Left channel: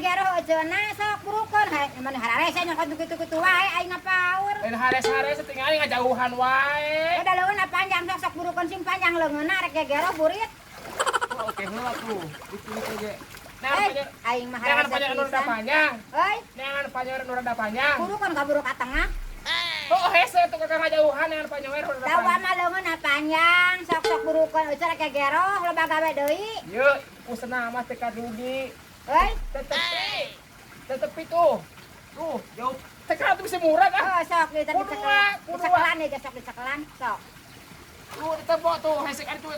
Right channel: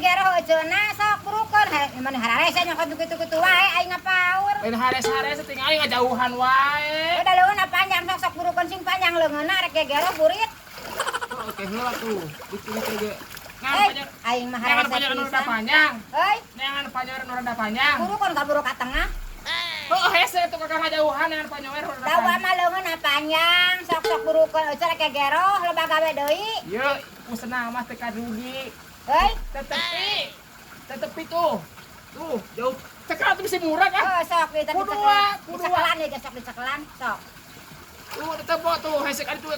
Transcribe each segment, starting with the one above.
gero cenah sok burukeun mana hararese nyokot kitu-kitu wae aing ngapaur. Lain hares-hares tinggal aing ngajauhan wae. Udah leunna panjang sok burukeun sing panjang leungeunna rek gero burit. Oke, heula tuh. Dicu ge. Nah, Aing mah jangan panjang anu rada panjang. Heuy, Jangan panjang anu rada panjang. burukeun ka buru ka tengah. Oh, hese tuh kakak ngajauhan dengan panjang we rada Dawa panjang. mah leungeunna panjang sok burukeun eueuh rek gero loba gawe deui. Ye, usena mah teh kadugi. Heuy, Tetepi tuh. Tuh, jauh. Sekarang tuh bisa murah kan? sok di Kuduwa. cekelan ya sok di cekelan sok. Tuh, ditebo tuh. Hese kali tuh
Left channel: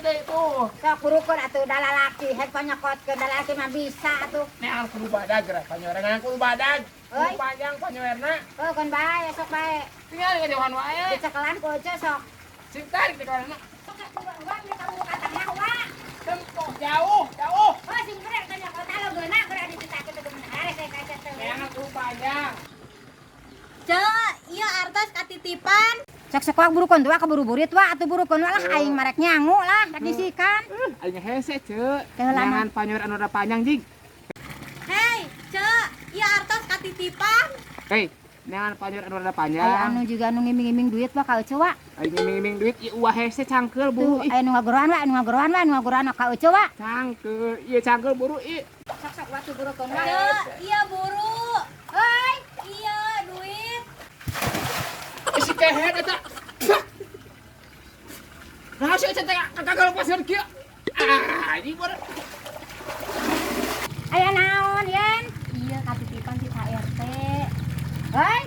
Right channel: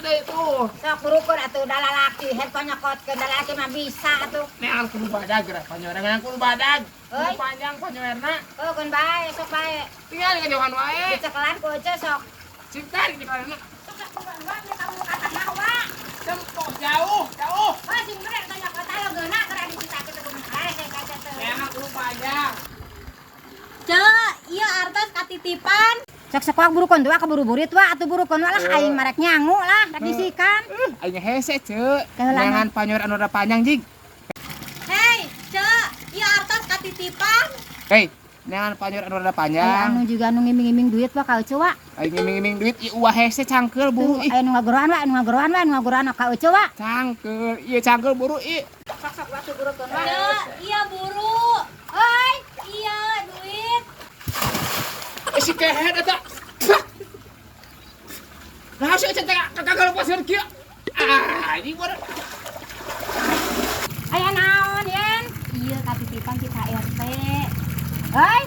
deh tuh. Sok burukeun atuh da lalaki het panyokotkeun da lalaki mah bisa atuh. Neangan kudu badag gerak panjang dengan kudu badag. Euy. Kudu panjang panjangna. Kon bae sok bae. Tinggal ngajauhan wae. Di cekelan ku eueuh sok. Sing tarik di kana. Sok burukeun ka buru ka tengah wa. Tempo jauh. Oh, sing bener tanya kota lo geuna keur di kita teh kumaha saya kaca teh. Neangan kudu panjang. Cek, iya artos katitipan. Sok sekoak burukeun tuh keburu burit wa atuh burukeun lah aing marek nyangu lah rek disikan. Aing hese ceuk. Keulana. Jangan panjang anu rada panjang jig. Hei, cek, iya artos katitipan. Hei, neangan panjang anu rada panjang. Aya anu juga anu ngiming-ngiming duit wa ka eueuh wa. Aing ngiming-ngiming duit ieu uah hese cangkeul Tuh buru. aya nu ngageroan ka eueuh wa. Cangkeul, ieu cangkeul buru ieu. Sok wa tuh burukeun wa. Cek, iya buru. Heuy, Iya duit. Si kehet eta. Nah, si eta kagak pasir kieu. Ini baru. aya naon yen? Iya katitipan ti Pak RT. Heuy.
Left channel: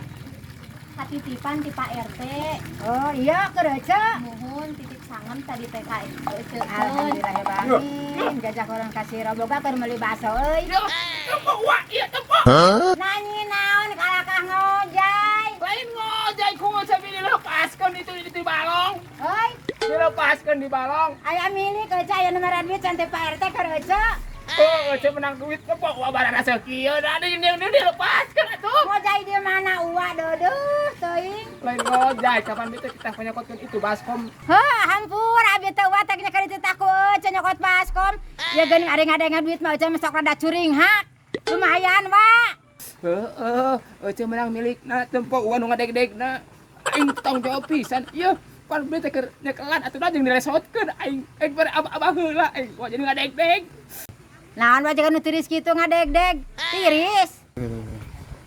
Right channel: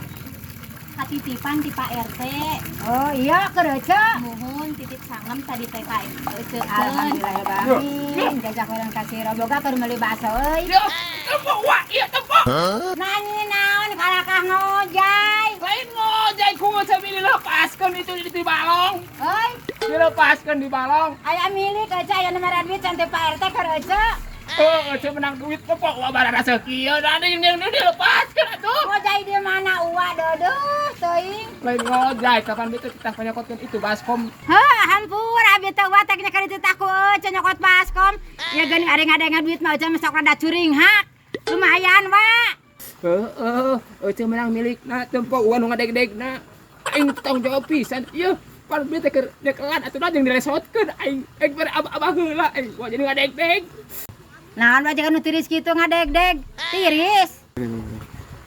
Katitipan ti Pak RT. Oh iya keur eueuh. Muhun titip sangem tadi TK itu. Alhamdulillahirrahmanirrahim. Jajak urang kasih roboga keur meuli bakso euy. Yo, tempo wa, ieu tempo. Nanyi naon kalakah ngojay. Lain ngojay ku sambil dilepaskeun itu di balong. Heuy, Dilepaskeun di balong. aya milik eueuh aya nu mere duit can teh Pak RT keur eueuh. Oh, saya menang duit tempo wa barana sakieu da ning dilepaskeun atuh. Ngojay di mana uwa dodoh teuing. Lain ngojay kapan beuteut kita panyokotkeun itu baskom. Heuh, hampur abi teh uwa teh kali ditaku eueuh nyokot baskom. Ya geuning adeng-adeng duit mah eueuh sok rada curing hak. Lumayan wa. Eueuh menang milikna tempo uang nu ngadeg-degna. Aing tanggung jawab pisan. Ieu, pan beuteut keur nyekelan atuh jeung diresotkeun aing. Aing bare abah heula aing. Wah jadi ngadeg-deg. Naon wae nu tiris kitu ngadeg-deg. Tiris.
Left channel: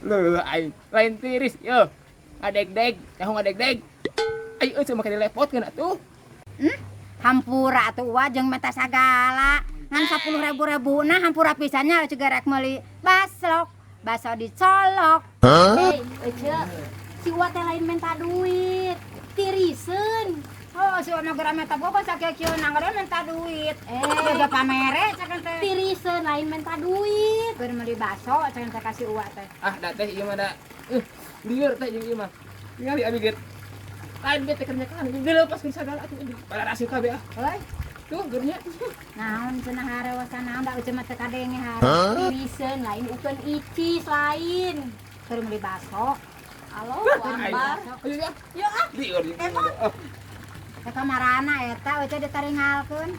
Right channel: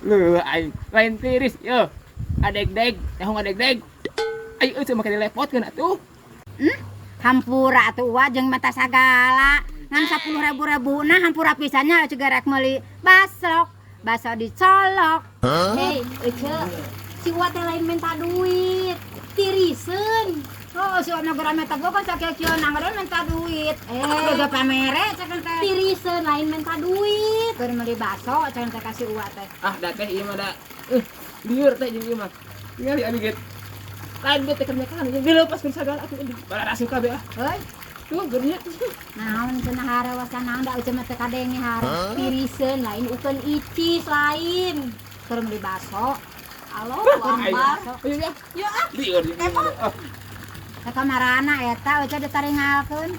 Leuh aing lain tiris yeuh. Ngadeg-deg, tahu ngadeg-deg. Aing eueuh make dilepotkeun atuh. Hampura atuh uwa jeung mata sagala. Ngan 10.000 nah hampura pisannya juga rek meuli baslok. Baso dicolok. Hei, cek, si Uwa teh lain minta duit. Tiriseun. Oh, si Ono geura meta gua kan sakieu nangeureun minta duit. Jaga pamere cenah teh. Tiriseun lain minta duit. Keur meuli baso cenah teh kasih uwa teh. Ah, da teh ieu mah da. Lieur teh jeung ieu mah. Ningali abi get. Lain beuteut keur nyekelan dilepaskeun sagala atuh. Barana asup kabeh ah. Heuy, Tuh geurnya. naon cenah harewasan naon da eueuh mah teh kadenge hare. Tiriseun lain ukeun icis lain. Keur meuli baso. Alo, Aing. Ambar. Ayo ya. Ya ah. Lieur jeung ieu mah. Teh kamarana eta eueuh ditaringalkeun.